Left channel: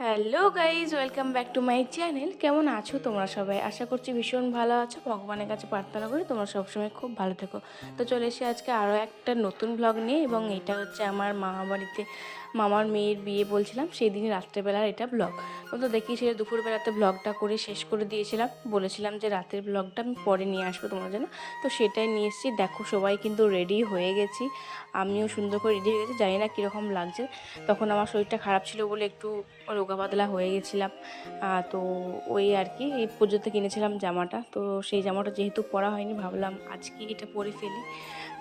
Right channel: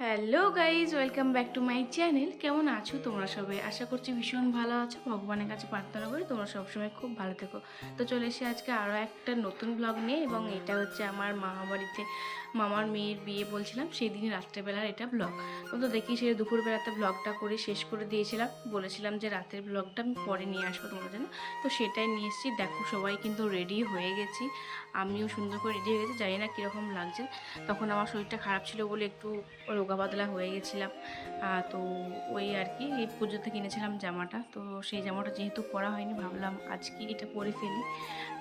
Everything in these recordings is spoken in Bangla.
Hello guys, welcome back to my channel. কেমন আছো তোমরা সবাই? আশা করছি ভীষণ ভালো আছো। ভগবানের কাছে প্রার্থনা করি তোমরা সবসময় খুব ভালো থেকো। তো চলে এসে আজকে আরও একটা নতুন ব্লগ নিয়ে, এবং এটা হচ্ছে আমার মামা বাড়িতে মামার মেয়ের বিয়ে বলছিলাম সেই দিন রাত্রেবেলার এটা ব্লগ। তো দেখিয়েছিল দুপুরবেলাতে ব্লগটা করে শেষ করে দিয়েছিলাম, বলেছিলাম যে রাতের ব্লগটা আমি পরে নিয়ে আসবো তোমার জন্য। তো সেটাই নিয়ে এসেছি। দেখো সবাই কিন্তু রেডি হয়ে গেছি, আমিও সুন্দর করে রেডি হয়ে গেছি। জানি না কীরকম লাগছে, তখন আমার শরীরটা খারাপ ছিল বলে একটু রোগা পাতলা হয়ে গেছিলাম। তো ওই আর কি, এই পুজোতে কিনেছিলাম জামাটা, তো সেই জামাটা যেহেতু পরা হয়নি ভাবলাম আজকে এটা পরে ফেলি।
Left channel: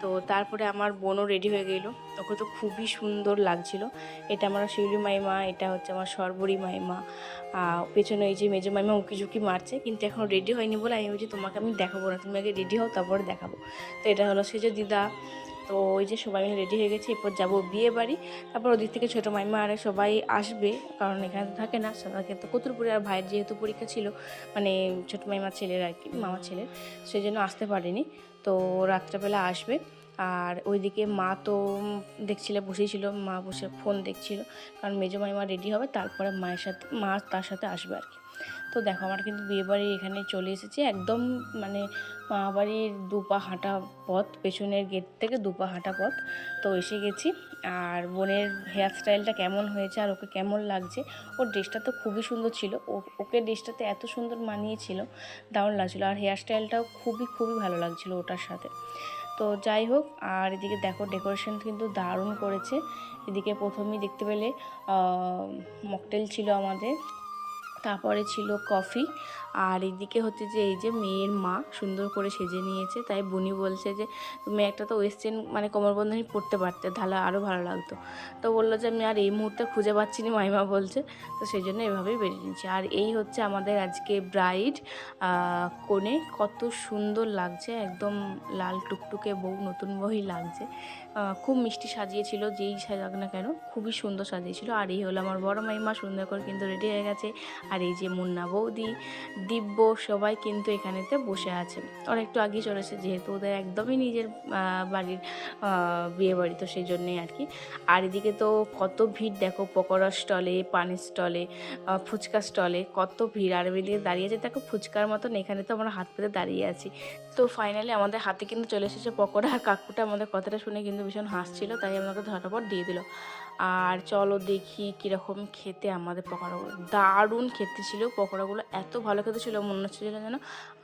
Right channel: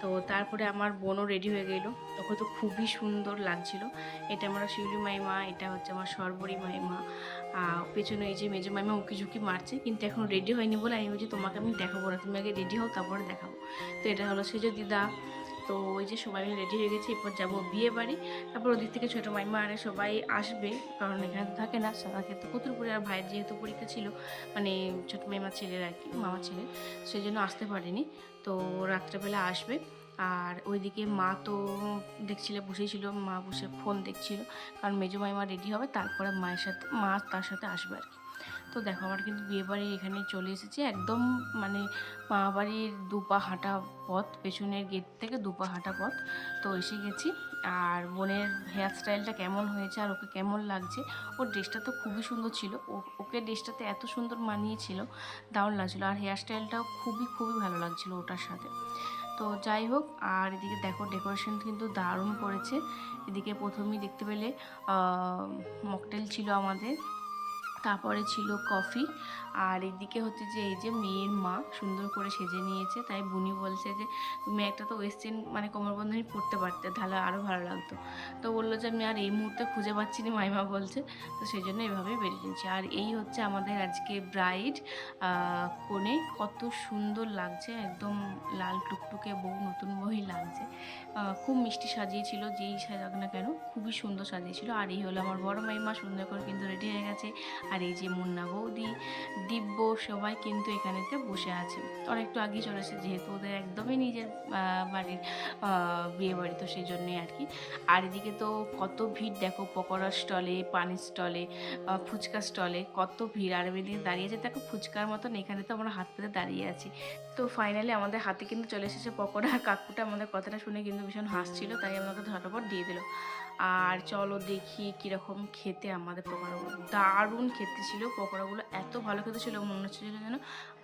তো তারপরে আমার বোনও রেডি হয়ে গেলো, ওকে তো খুবই সুন্দর লাগছিল। এটা আমার শিউলি মাইমা, এটা হচ্ছে আমার সর্বরী মাইমা। পেছনে এই যে মেজো মাইমা উঁকি ঝুঁকি মারছে, কিন্তু এখন রেডি হয়নি বলে আমি বলছি তোমাকে আমি দেখাবো না, তুমি আগে রেডি হও তারপরে দেখাবো। তো এটা হলো সেজো দিদা। তো ওই যে সবাই মিলে রেডি হয়ে গেছে, এরপর যাবো বিয়ে বাড়ি। তারপর ওদিক থেকে ছোটো মাইমা আর সবাই আসবে, কারণ এখানে থাকে না সবাইকে। তো কতুলপুরে আর ভাইয়ের যেহেতু পরীক্ষা ছিল, মানে ছোটো মাইমার ছেলের আর কি, মামার ছেলে, সেই জন্য আসতে পারেনি। তো রাত্রেবেলা আসবে। আর ওইদিকে মা তো দেখছিলে বসেই ছিল, মা বসে ফোন দেখছিল, কারণ মেজো মাইমা রেডি হবে তারপরে মায়ের সাথে মা তার সাথে আসবে আর কি। তো দেখো আমার কিন্তু বিয়েবাড়ি এখানে চলে এসেছি, একদম মানে মামাবাড়ির দুপা হাঁটা পথ, পেছনের গেট থেকে দুপা হাঁটা পথ। তো এসে গেছি। আর বোনের হেয়ার স্টাইলটা কেমন হয়েছে আর ওকে কেমন লাগছে, ওর ড্রেসটা তো খুবই সুন্দর ছিল, ওকে ড্রেসটাতে এত সুন্দর মানিয়েছিল, দারুণ লাগছিলো। আর হেয়ার স্টাইলটাও খুবই খুবই ভালো লাগছিলো ওটার সাথে। তো যাই হোক, আর এদিকে দেখো ডেকোরেশন কিন্তু দারুণ করেছে। এদিকে প্রথমেই দেখতে পেলে মকটেল ছিল আমাদের, তারপরে ছিল কফি। আর এদিকে হচ্ছে যে এই যে মেয়ের মা সুন্দর করে সেজে নিয়েছে, তাই বুনি বলছে যে তুমি একটা তো ওয়েস্টার্ন মানে কোমরবন্ধনী পরতে পারতে, তাহলে আরও ভালো লাগতো। তো বললো যে আমি আর এই মুহূর্তে খুঁজে পাচ্ছি না, মাইমা বলছে। তো সেই জন্য এভাবেই বেরিয়ে নিচ্ছে। আর এই হচ্ছে আমাদের আজকে ব্রাইড, কনে কত সুন্দর লাগছে, একদম লাল টুকটুকে বউ, নতুন বউই লাগছে। খুব মিষ্টি সাজিয়েছিল, যেই সাজাক না কেন খুবই সুন্দর সাজিয়েছিল। আর এই হলো আমার বড় মাইমা, সুন্দর করে কিন্তু রেডি হয়ে গেছে। আর এই যে মুন্না বৌদি, দিব্য, সবাই কিন্তু এখানেতে বসে আছে। ওরা একটু আগেই চলেছে, যেহেতু ওদের একদমই নিজের বাড়ির বিয়ে বাড়ি, তো সেই জন্যই আর কি। আর এদিকে তো কত ভিড় দেখো, পকোড়ার স্টলে, পানির স্টলে, ফুচকা স্টলে কত ভিড়। আর এদিকে দাঁড়িয়েছে দেখো ফুচকার মতন, এখানে তো আমরা হাত পেতে দাঁড়িয়ে আছি। তো ফাইনালি আমাদের হাতে কিন্তু চলে এসেছে পকোড়া। কাকুটা আমাদের কথাটা শুনে কিন্তু ভীষণ হাসছিল, তাই আমাকে ঝটাপট দিয়ে দিল। আর চলো দেখি কীরকম খেতে আমাদের পকোড়াগুলো। দারুণ খেতে ছিল পকোড়াগুলো, এত ভালো খেতে ছিল, মনে হচ্ছিল যেন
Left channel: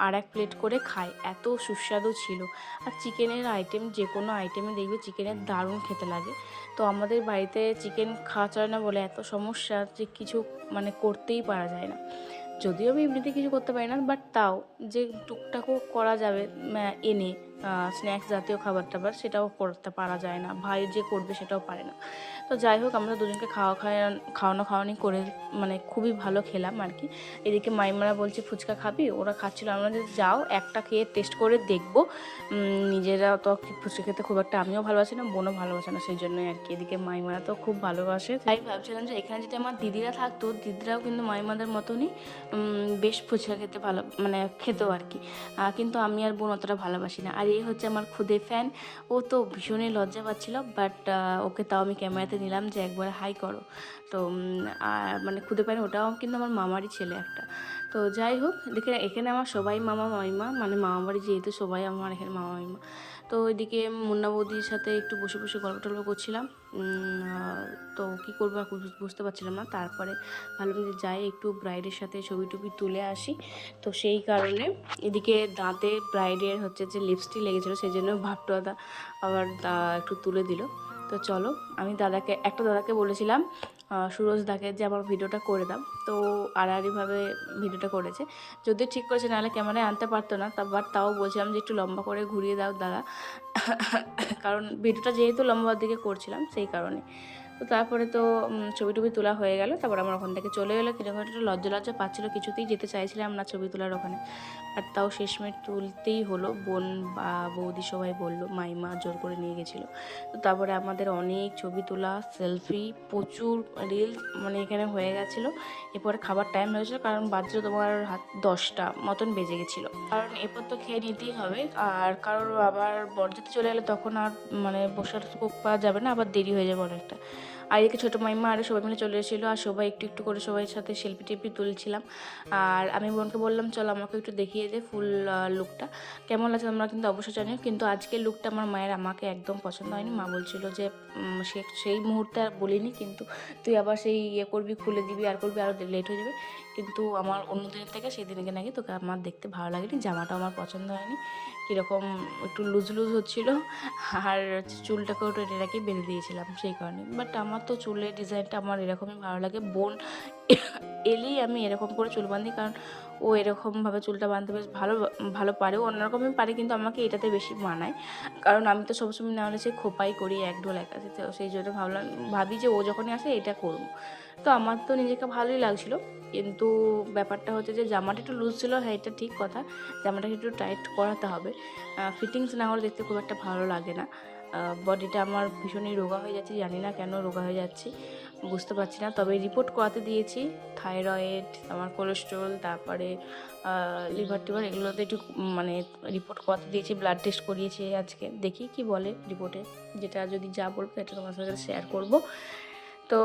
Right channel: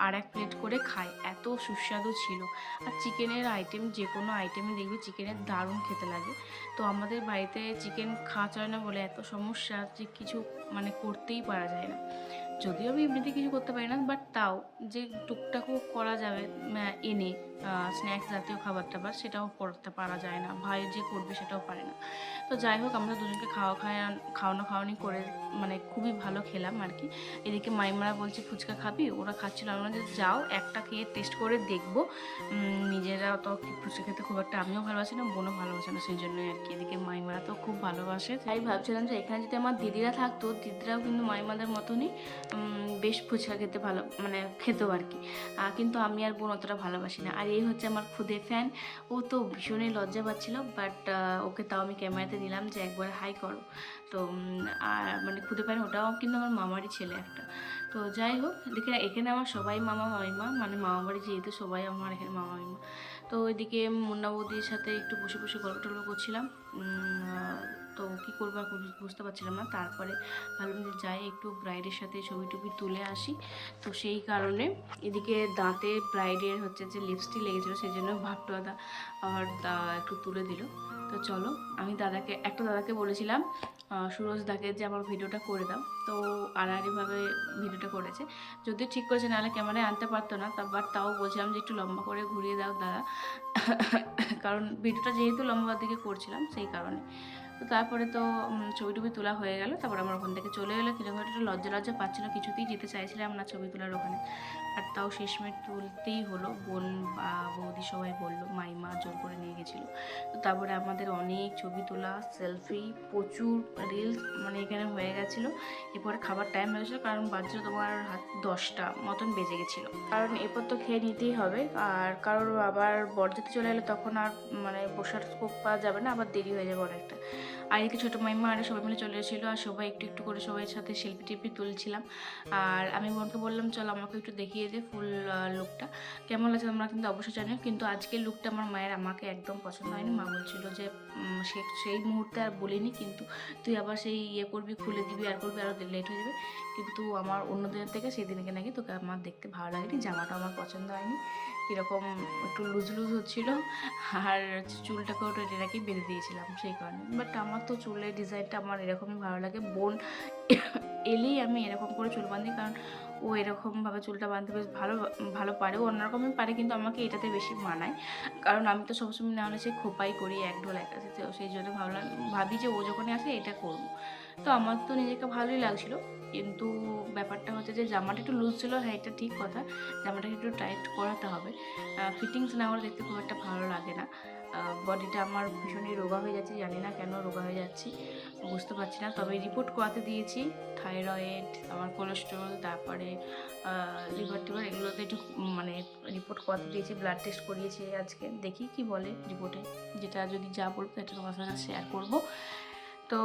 আর এক প্লেট করে খাই, এত সুস্বাদু ছিল। আর চিকেনের আইটেম, যে কোনো আইটেমে দেখবে চিকেনের দারুণ খেতে লাগে। তো আমাদের বাড়িতে চিকেন খাওয়া চলে না বলে এত সমস্যা, যে কিছু মানে করতেই পারা যায় না। যদিও আমি এমনিতে কিছু করতে পারি না, বাট তাও যে টুকটাকও করা যাবে এনে স্ন্যাক্স জাতীয় খাবার টাবার, সেটাও করতে পারা যায় না। ভাই যে করবে সেটাও পারে না। তো যাই হোক, আমরা দুজনকে খাওয়ানো খাওয়ানি করে মানে খুবই ভালো খেলাম আর কি। এদিকে মাইমারা বলছে ফুচকা খাবি, ওরা খাচ্ছিল, আমরা যে যাও একটা খেয়ে টেস্ট করে দেখবো। নিজেরা তো ফুচকা খেতে খুব একটা আমিও ভালোবাসি না, বোনও ভালোবাসে না, সেই জন্যই আর কি। এদিকে মাইমারা তো খুব ভালোবাসে, তাই ভাবছিলাম যে এখানে যদি আমার দিদিরা থাকতো, দিদিরাও কিন্তু মাইমাদের মতনই বেশ ফুচকা খেতে ভালো মানে খেতেও আর কি। কিন্তু আমি আর বোন অতটা ভালোবাসি না। আর এই হচ্ছে আমার খুদে ফ্যান, ও তো ভীষণই লজ্জা পাচ্ছিল, বাট ওকে তাও আমি ক্যামেরাতে নিলাম যে একবার হাই করো। তো আর মানে খুদে ফ্যান ওটাও কিন্তু আমার মামারই ছেলে একটা। তো যাই হোক, দেখে এখানে আমার সবাই মামা মামিমা, মানে মামা বাড়ি যেহেতু সবাই আমার এখানে মামা মামিমা। তো ওইদিকে মুন্না বৌদির সাথে একটু বসে বসে গল্প টল্প করছিলাম। তো কী করবো আর বুঝতে পারছিলাম না। তারপরে ভালো যাই একটু ব্রাইডের সাথে ছবি টবি তুলে আসি। তো সেই কারণে এদিকে দাঁতে ব্রাইডের হচ্ছে যে লিপস্টিক লেগেছিলো, সেই জন্য ভাট্টুয়াদা আবার একটু তুলে দিল। তো চলো, আমি দাদাকে বলেছিলাম সুরজ দাকে যে আমার ভিডিওটা করে দাও, তো আড়াআড়িভাবে ভিডিওটা করেছে। যদিও ঠিক করেছে, নাহলে ক্যামেরায় আনতে পারতো না, বাট তাও বলছিলাম যে একটু লম্বা করে ঘুরিয়ে দাও দাদা, কারণ ভিডিওটা যেহেতু লম্বার দিকে করছিলাম সেই কারণে। তো তারপরে তো ছবি টবি তোলা হয়ে গেল। তারপর আমার ওখান থেকে চলে এলো, কিরকম একটা লজ্জা লজ্জা পাচ্ছিলো, কিছুতেই যেতে চাইছিলাম না ছবি তোলার ওখানে। আর তাও শেষমেশ তুলতেই হলো, বোন বা বৌদি সবাই বললো, মাইমা জোর করে নিয়ে গেছিলো। তো তারপরে আমাদের অনেক ছবি তোলা, সেলফি, প্রচুর রিলস মানে এখানে হয়ে গেছিলো। এরপরে খাবার টাইম হয়েছিলো, কারণ বাজলো তোমার 10টা মতন বেজে গেছিলো, কারণ এরপর তো খেয়ে নিতেই হবে। আর কারোর আবার বরযাত্রী চলে গেলে তখন আর মানে বসার পাওয়া যাবে না, আবার দেরি হয়ে যাবে অনেকটা। আর এদিকে ছোটো মাইমা আর সবাই মিলে চলে এসেছিলো, আর সবাই একটু একটু করে সবাই সাথে সেলফি টেলফি তুলছিলাম। আর আমি বোনকে বললাম চলো আমাকে একটু দেখিয়ে দে ফুল লুকটা কেমন লাগছে, তোমরা কিন্তু অবশ্যই জানিও। কিন্তু আজকের লুকটা আমার মায়ের আমাকে একদম পছন্দ হয়নি। মা বলছিল যে সেই মুহূর্তে আর বলিনি, কিন্তু তুই আবার সেই করবি, খুলে দিবি আর করবি, আরও লেট হয়ে যাবে। কিন্তু আমার অন্য দিনের থেকে সেই দিনকে নাকি তোকে আমার দেখতে ভালো লাগেনি, জামাটা আমার পছন্দ হয়নি, কীরকম একটু লুজ লুজ হচ্ছিলো, আর চুলটাকেও একটু এটাকে বেঁধে দিয়েছিলাম সেই কারণে। বাট আমার তো চুলের ডিজাইনটা আমার এরকমই ভালো লাগে। বোন এলেই আমি এরকম করে চুল বাঁধি, কারণ ও এরকমভাবে চুলটা বাঁধতে বেশ ভালো ভালো পারে। ও অন্যরকমই পারে, কিন্তু আমাকে এটাতে বেশি মানায়, কারণ আমি তো সবসময় না হলে সে খোপাই করি এক ঢোল এক আছে। তো সেই জন্য ভাবি যে ও যখনই আসে এটা করবো। তো আমার তো নিজেকে ভালোই লাগছিলো, কিন্তু ব্যাপারটা হচ্ছে যে জামাটা একটু লুজ ছিল। হ্যাঁ, এটা ঠিক কথা, জামাটাকে একটু টাইট করাতে হবে। ফিটিংস না হলে দেখতে খুব একটা ভালো লাগে না। বডিটা আমার ভীষণই রোগা হয়ে যাচ্ছে, জানি না কেন রোগা হয়ে যাচ্ছি, বুঝতে পারছি না। তবে রিপোর্ট করাতে দিয়েছি, থাইরয়েড, আমার কোলেস্ট্রল, তারপরে লিভার টিভার, এগুলোতে একটু মানে রিপোর্ট করাতে দিয়েছি, ব্লাড টেস্ট করিয়েছি আজকে। দেখি কি বলে রিপোর্টে, যেটা যদি যা বলবে এটা তোমার সাথে শেয়ার করবো। তো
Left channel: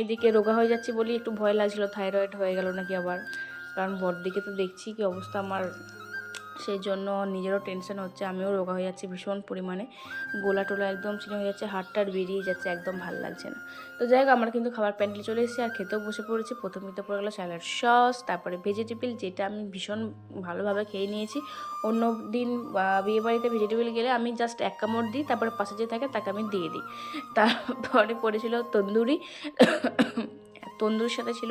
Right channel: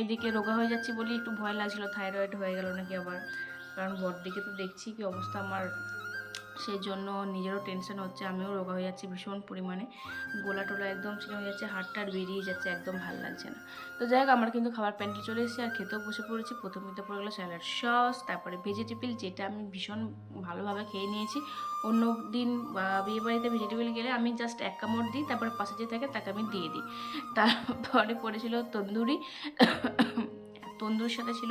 এইদিকে রোগা হয়ে যাচ্ছে বলি একটু ভয় লাগছিলো থাইরয়েড হয়ে গেল নাকি আবার, কারণ বড়দিকে তো দেখছি কি অবস্থা আমার, সেই জন্য নিজেরও টেনশন হচ্ছে। আমিও রোগা হয়ে যাচ্ছি ভীষণ পরিমাণে, গোলা টোলা একদম চিনে হয়ে যাচ্ছে, হাড়টার বেরিয়ে যাচ্ছে, একদম ভালো লাগছে না। তো যাই হোক, আমরা কিন্তু খাবার প্যান্ডেলে চলে এসেছি আর খেতেও বসে পড়েছি। প্রথমে তো পড়ে গেলো স্যালাড সস, তারপরে ভেজিটেবল, যেটা আমি ভীষণ ভালোভাবে খেয়ে নিয়েছি। অন্য দিন বিয়েবাড়িতে ভেজিটেবল গেলে আমি জাস্ট এক কামড় দিই, তারপরে পাশে যে থাকে তাকে আমি দিয়ে দিই। তারপরে পড়েছিল তন্দুরি, তন্দুরির সাথে ছিল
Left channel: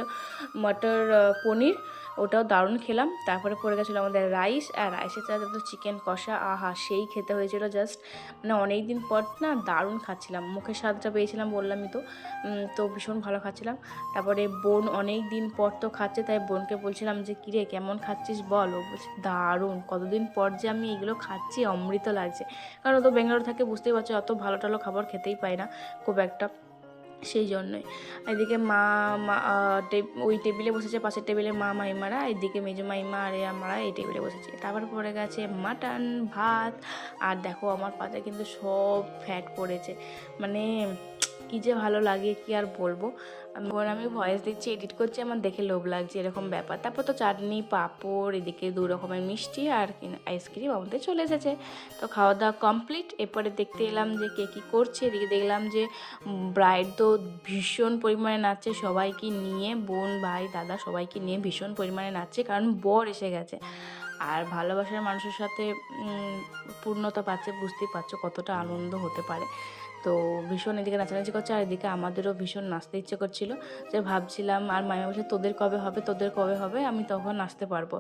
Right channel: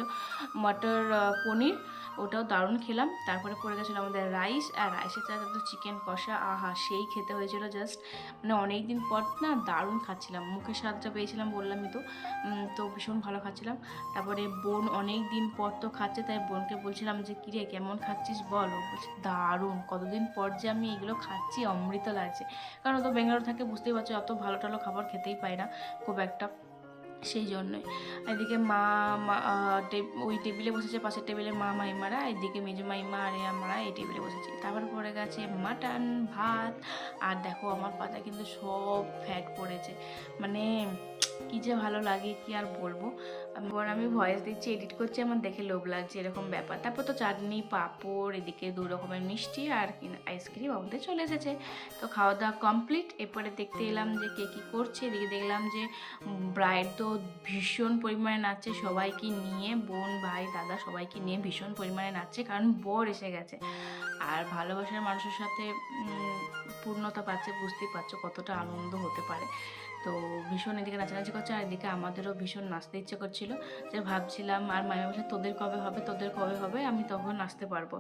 মটর পনির, ওটাও দারুণ খেলাম। তারপরে পড়ে গেছিলো আমাদের রাইস, আর রাইসের সাথে তো চিকেন কষা, আহা সেই খেতে হয়েছিল জাস্ট, মানে অনেক দিন পর না দারুণ খাচ্ছিলাম, মুখের স্বাদটা পেয়েছিলাম বললামই তো। তো ভীষণ ভালো খাচ্ছিলাম। তারপরে বোন অনেক দিন পর তো খাচ্ছে, তাই বোনকে বলছিলাম যে কিরে কেমন খাচ্ছিস বল, ও বলছে দারুণ, কতদিন পর যে আমি এগুলো খাচ্ছি, অমৃত লাগছে। কারণ ও তো ব্যাঙ্গালোর থাকে, বুঝতেই পারছো, অত ভালো টালো খাবার খেতেই পায় না খুব একটা, সেই জন্যই। এদিকে মা ওই টেবিলে বসেছে, পাশের টেবিলে মা মাইমারা, এদিকে মেজো মাইমা আর আমরা এই টেবিলে বসেছি। তারপরে পড়ে গেছে মাটন ভাত, আর দেখো আমার পাতায় কিন্তু সব ফ্যাট পড়েছে, মানে কী যে ভালো লাগে কি আর বলবো। আমি ভয়েস দিচ্ছি, এডিট করছি, আমার দেখে লোভ লাগছে এরকম ব্যাপার। তারপর তো চাটনি, পাঁপড়, এদিকে 2 রকমের মিষ্টি আর আইসক্রিম আমাদের চলে এসেছে। তো খাওয়া দাওয়া কমপ্লিট। এরপরে দেখতে এলাম যে কে কী করছে। এদিকে দেখলাম যে ব্রাইড তো ভীষণ পরিমাণে নাচছে, সবাইকে নিয়ে, বোন ভাই দাদা সবাইকে নিয়ে ভীষণ পরিমাণে নাচছে, কারণ বর এসে গেছে। আর ভালোবাসার মানুষের সাথে পূর্ণতা পাচ্ছে, বুঝতেই পারছো কতটা আনন্দ হতে পারে। তো ভীষণ এদিকে নাচানাচি করছে, আর এদিকে আমাদেরও ভীষণ নাচতে ইচ্ছে করছিলো, যে ভাবছিলাম আর মায়ের বলছে তোদের কবে হবে, আমি তখন নাচতে পারবো।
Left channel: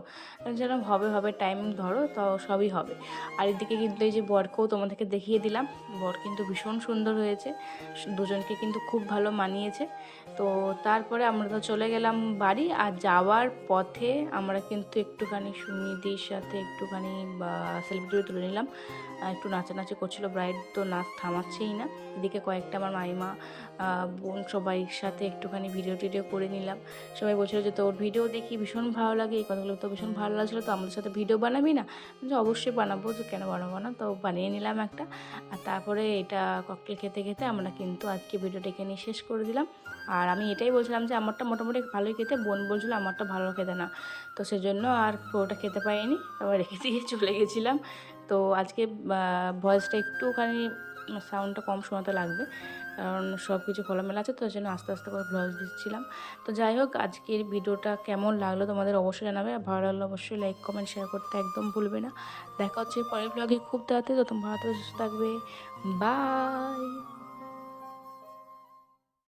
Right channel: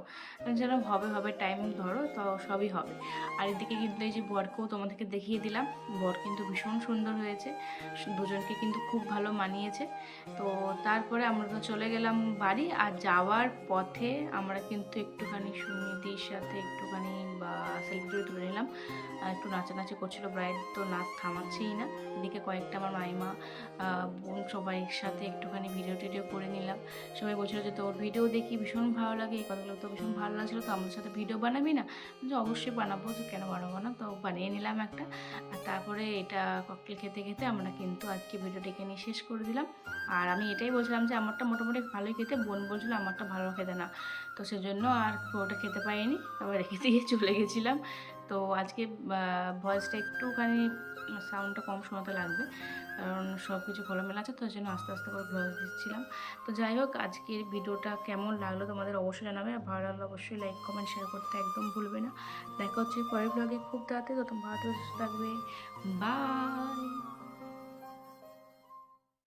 যেন হবে হবে টাইম ধরো, তো সবই হবে। আর এদিকে কিন্তু এই যে বরকেও তোমাদেরকে দেখিয়ে দিলাম, বর কিন্তু ভীষণ সুন্দর হয়েছে, দুজনকে কিন্তু খুব ভালো মানিয়েছে। তো তারপরে আমরা তো চলে গেলাম বাড়ি, আর যাওয়ার পথে আমরা কিন্তু একটুখানি সুমিদির সাথে একটুখানি সেলফি তুলে নিলাম। একটু নাচানাচি করছিল, ব্রাইড তো নাচ থামাচ্ছেই না। এদিকে কয়েকটা আমার মাইমা বোন সবাই সাথে একটুখানি ভিডিও টিডিও করে নিলাম। সবাই বলছিল যে তোর ভিডিও দেখি ভীষণ ভালো লাগে, এই কথাগুলো তো ভীষণ ভালো লাগছিলো, তো আমাদের সাথে ভিডিও বানাবি না? যে অবশ্যই বানাবো, তো কেন বানাবো না, তো বানিয়ে নিলাম একটা। আর তারপরে এটা ককটেল খেতে খেতে আমরা কিন্তু আজকে ভিডিওটা এখানে শেষ করে দিলাম। আর আমি এটাই বলছিলাম যে আমারটা মোটামুটি ভালোই খেতে, বোন বলছিল আমারটা ভালো খেতে না, তো সেজন্য আর পুরোটা খেতে পারিনি, আবার রেখে দিয়ে চলে গেছিলাম। তো আজকে ভয়েসটা একটুখানি সাউন্ডটা কম শোনাতে লাগবে, কারণ সব কিছু খোলামেলা আছে, তো ওই জন্য আস্তে আস্তে করে ভয়েস দিচ্ছিলাম। তো যাই হোক, আজকের ভিডিওটা কেমন লাগলো তোমাদের অবশ্যই জানাবে, আর ভালো লাগলে অবশ্যই লাইক কমেন্ট শেয়ার করতে একদম ভুলবে না। দেখা হচ্ছে পরের ব্লগে খুব তাড়াতাড়ি, তো তোমরা ভালো সুস্থ থাকবে, বাই।